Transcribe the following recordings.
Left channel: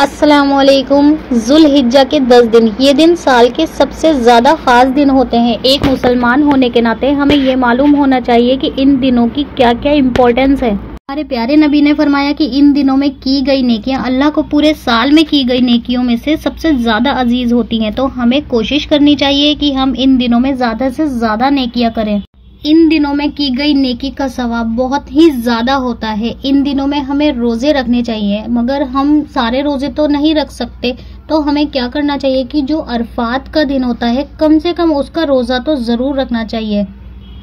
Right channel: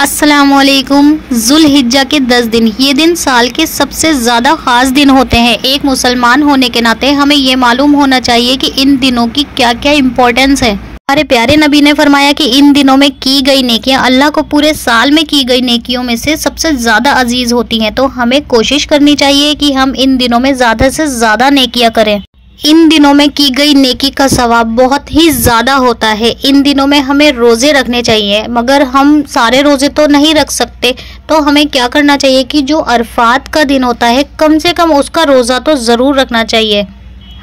अस्सलामुअलैकुम। जुल्हिज्जा के 10 दिन, ये दिन साल के सबसे ज़्यादा ख़ास दिन होते हैं। एक मुसलमान होने के नाते हमें ये मालूम होना चाहिए कि इन दिनों की क्या क्या इम्पोर्टेंस है। हमारे प्यारे नबी ने फरमाया कि इन दिनों में की गई नेकियां अल्लाह को पूरे साल में की गई नेकियों में से सबसे ज़्यादा अजीज़ होती हैं। तो हमें कोशिश करनी चाहिए कि हम इन दिनों में ज़्यादा से ज़्यादा नेकियां करें। इन दिनों में की गई नेकी का सवाब बहुत ही ज़्यादा होता है। इन दिनों में हमें रोज़े रखने चाहिए, मगर हम सारे रोज़े तो नहीं रख सकते। तो हमें क्या करना चाहिए कि जो अरफात का दिन होता है, कम से कम उसका रोज़ा तो ज़रूर रखना चाहिए।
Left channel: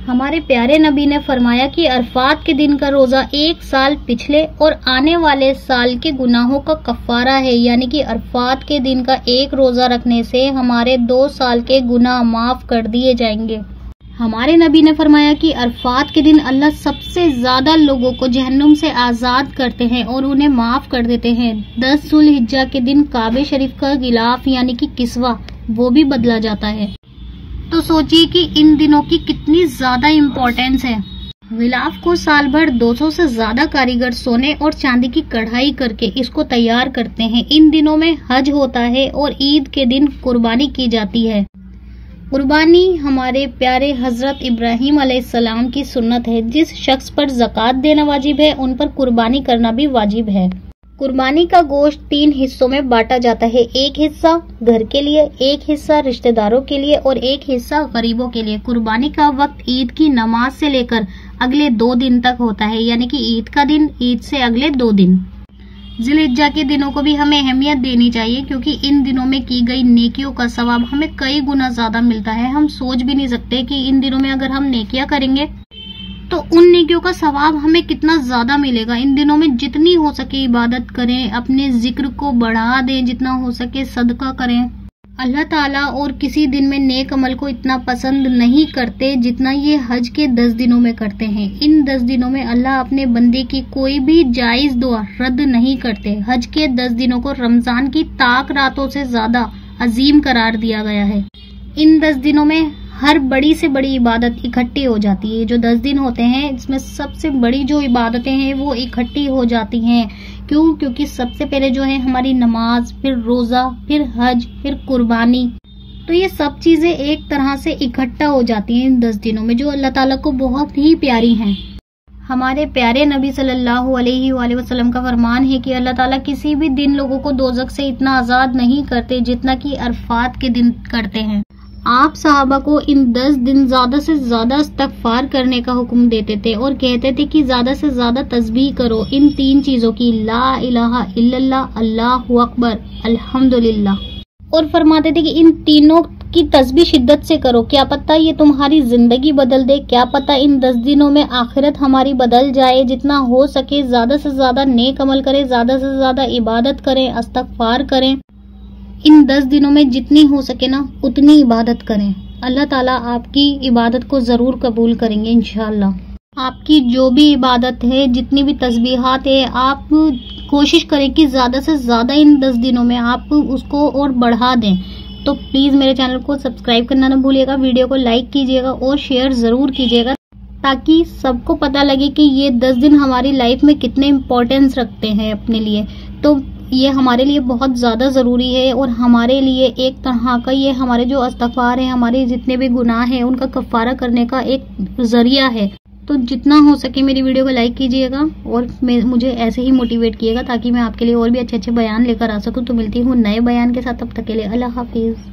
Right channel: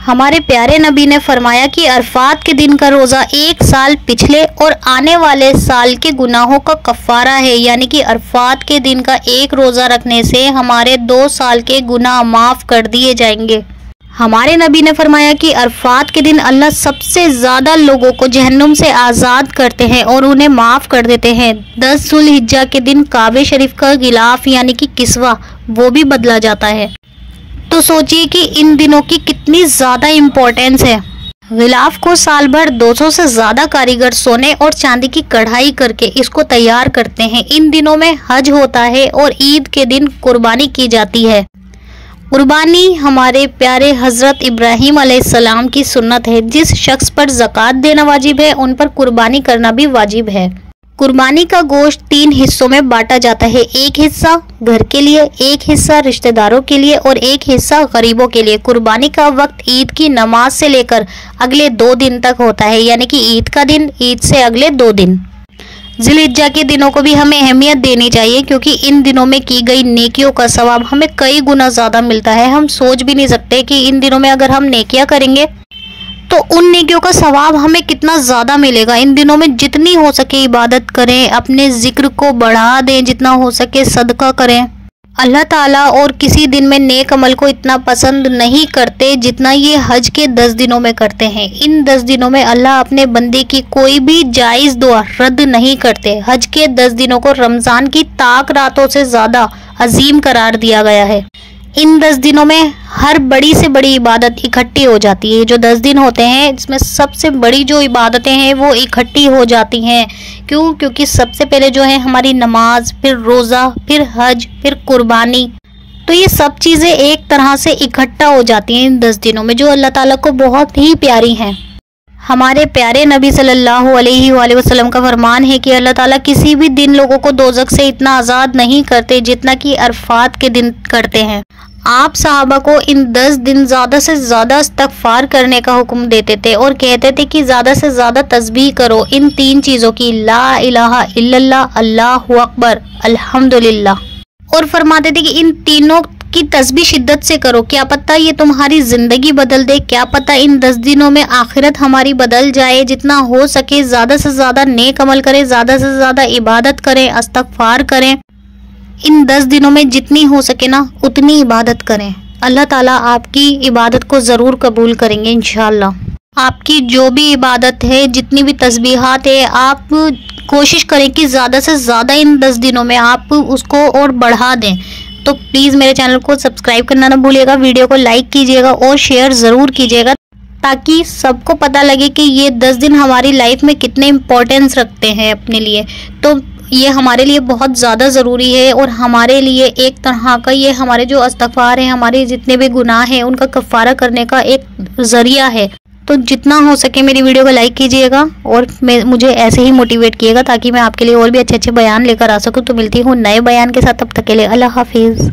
हमारे प्यारे नबी ने फरमाया कि अरफात के दिन का रोज़ा 1 साल पिछले और आने वाले साल के गुनाहों का कफ़ारा है। यानी कि अरफात के दिन का एक रोज़ा रखने से हमारे 2 साल के गुनाह माफ़ कर दिए जाएंगे। हमारे नबी ने फरमाया कि अरफात के दिन अल्लाह सबसे ज़्यादा लोगों को जहन्नुम से आज़ाद करते हैं और उन्हें माफ़ कर देते हैं। 10 जुल्हिज्जा के दिन काबे शरीफ का गिलाफ यानी कि किस्वा वो भी बदला जाता है। तो सोचिए कि इन दिनों की कितनी ज़्यादा इम्पोर्टेंस है। गिलाफ को साल भर 200 से ज़्यादा कारीगर सोने और चांदी की कढ़ाई करके इसको तैयार करते हैं। इन दिनों में हज होता है और ईद के दिन कुर्बानी की जाती है। कुर्बानी हमारे प्यारे हज़रत इब्राहीम अलैहिस्सलाम की सुन्नत है। जिस शख्स पर ज़कात देना वाजिब है, उन पर कुर्बानी करना भी वाजिब है। कुर्बानी का गोश्त 3 हिस्सों में बांटा जाता है। एक हिस्सा घर के लिए, एक हिस्सा रिश्तेदारों के लिए और एक हिस्सा गरीबों के लिए। कुर्बानी का वक्त ईद की नमाज से लेकर अगले 2 दिन तक होता है, यानी कि ईद का दिन, ईद से अगले 2 दिन। ज़िलहिज्जा के दिनों को भी हमें अहमियत देनी चाहिए, क्योंकि इन दिनों में की गई नेकियों का सवाब हमें कई गुना ज़्यादा मिलता है। हम सोच भी नहीं सकते कि इन दिनों में अगर हम नेकियां करेंगे तो उन नेकियों का सवाब हमें कितना ज़्यादा मिलेगा। इन दिनों में जितनी हो सके इबादत करें, अपने ज़िक्र को बढ़ा दें, जितना हो सके सदका करें। अल्लाह ताला और किसी दिन में नेक अमल को इतना पसंद नहीं करते जितना ये हज के 10 दिनों में करते हैं। इन 10 दिनों में अल्लाह अपने बंदे की कोई भी जायज़ दुआ रद्द नहीं करते। हज के 10 दिनों को रमज़ान की ताक रातों से ज़्यादा अजीम करार दिया गया है। इन 10 दिनों में हर बड़ी से बड़ी इबादत इकट्ठी हो जाती है। जो 10 दिन होते हैं, इसमें सबसे बड़ी जो इबादतें हैं वो इकट्ठी हो जाती हैं। क्यों? क्योंकि सबसे पहले जो है हमारी नमाज, फिर रोज़ा, फिर हज, फिर कुर्बानी। तो ये सब चीज़ें एक तरह से इकट्ठा हो जाती हैं इन 10 दिनों में, जो अल्लाह ताला को बहुत ही प्यारी हैं। हमारे प्यारे नबी सल्लल्लाहु अलैहि वसल्लम का फरमान है कि अल्लाह ताला किसी भी दिन लोगों को दोज़ख से इतना आज़ाद नहीं करते जितना कि अरफात के दिन करते हैं। आप सहाबा को इन 10 दिन ज़्यादा से ज़्यादा इस्तग़फ़ार करने का हुक्म देते थे और कहते थे कि ज़्यादा से ज़्यादा तस्बीह करो इन 3 चीज़ों की, ला इलाहा इल्लल्लाह, अल्लाहु अकबर, अल्हम्दुलिल्लाह। और फरमाते थे कि इन तीनों की तस्बीह शिद्दत से करो, क्या पता ये तुम्हारी ज़िंदगी बदल दे, क्या पता इन 10 दिनों में आखिरत हमारी बदल जाए। जितना हो सके ज़्यादा से ज़्यादा नेक अमल करें, ज़्यादा से ज़्यादा इबादत करें, इस्तग़फ़ार करें। इन 10 दिनों में जितनी हो सके ना उतनी इबादत करें। अल्लाह ताला आपकी इबादत को ज़रूर कबूल करेंगे इंशाअल्लाह। आपकी जो भी इबादत है, जितनी भी तस्बीहात है, आप कोशिश करें कि ज़्यादा से ज़्यादा इन 10 दिनों में आप उसको और बढ़ा दें। तो प्लीज़ मेरे चैनल को सब्सक्राइब करना ना भूलिएगा, वीडियो को लाइक कीजिएगा और शेयर ज़रूर कीजिएगा, ताकि सबको पता लगे कि ये 10 दिन हमारी लाइफ में कितने इम्पोर्टेंस रखते हैं अपने लिए। तो ये हमारे लिए बहुत ज़्यादा ज़रूरी है और हमारे लिए एक तरह का ये हमारे जो इस्तग़फ़ार है, हमारे जितने भी गुनाह हैं उनका कफ़ारा करने का एक ज़रिया है। तो जितना हो सके मेरी वीडियो को लाइक कीजिएगा और मुझे ऐसे ही मोटिवेट कीजिएगा, ताकि मैं आपके लिए और भी अच्छे अच्छे बयान लेकर आ सकूँ। तो मिलती हूँ नए बयान के साथ, तब तक के लिए अल्लाह हाफिज़।